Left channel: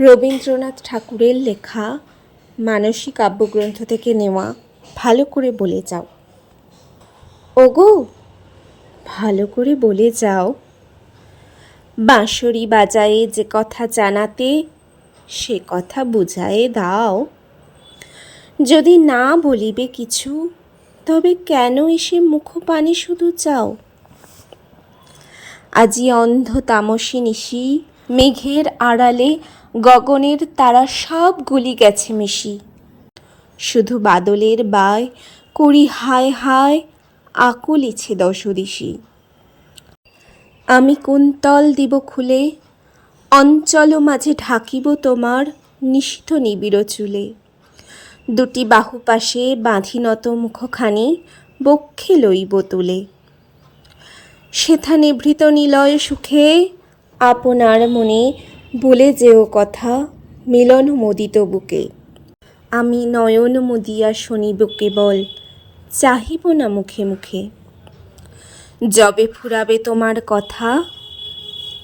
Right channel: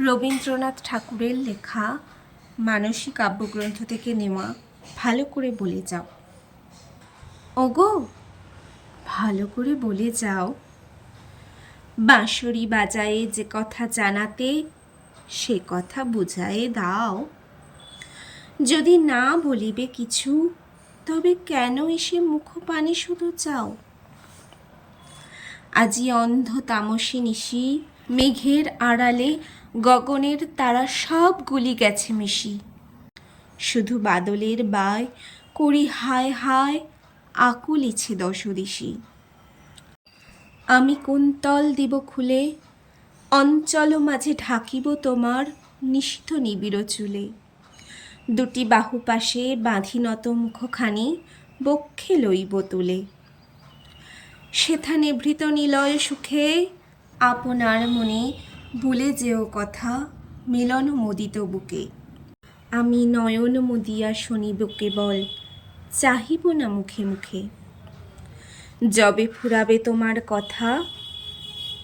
রবীন্দ্রনাথ ঠাকুরের লেখা মানসী কাব্যগ্রন্থ থেকে নেওয়া। ভালো করে বলে যাও। ওগো, ভালো করে বলে যাও। বাঁশরি বাজায়ে যে কথা জানাতে, সে কথা বুঝায়ে দাও। যদি না বলিবে কিছু, তবে কেন এসে মুখপানে শুধু চাও? আজি অন্ধ তামসী নিশি, মেঘের আড়ালে গগনের তারা সবগুলি গেছে মিশি। শুধু বাদলের বায় করি হায় হায়, আকুলিছে দশদিশি। আমি কুন্তল দিব খুলে, অঞ্চল মাঝে ঢাকিব তোমার নিশিথ নিবিড় চুলে। দুটি বাহু পাশে বাঁধি নত মুখখানি, বক্ষে লইব তুলে। সেথা নিভৃত নিলয় সুখে, আপনার মনে বলে যেও কথা মিলন মোদিত বুকে। আমি নয়ন মুদিয়া শুনিব কেবল, চাহিব না মুখে মুখে। যবে ফুরাবে তোমার কথা,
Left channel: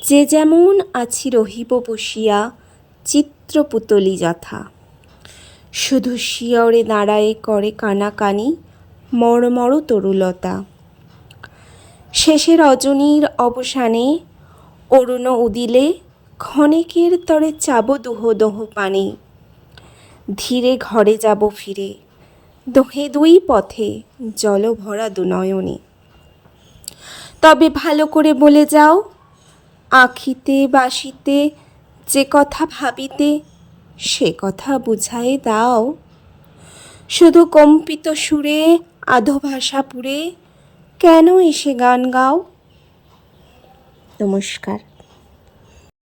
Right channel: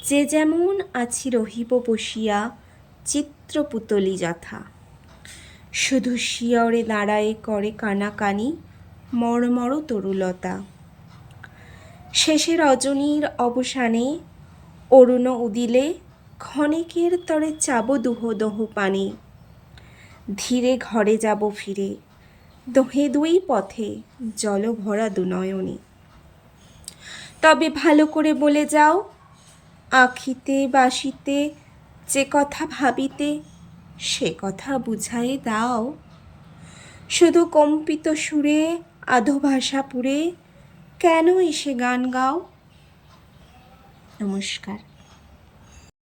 যে যেমন আছি রহিব বসিয়া চিত্রপুতলি যথা। শুধু শিয়রে দাঁড়ায়ে করে কানাকানি মর্মর তরুলতা। শেষে রজনীর অবসানে অরুণ উদিলে, ক্ষণেকের তরে চাব দুহ দোহ পানে। ধীরে ঘরে যাব ফিরে, দোহে দুই পথে জল ভরা দুনয়নে। তবে ভালো করে বলে যাও, আঁখিতে বাসিতে যে কথা ভাবিতে, সে কথা বুঝায়ে দাও। শুধু কম্পিত সুরে আধো ভাষা পুরে কেন এসে গান গাও? নমস্কার।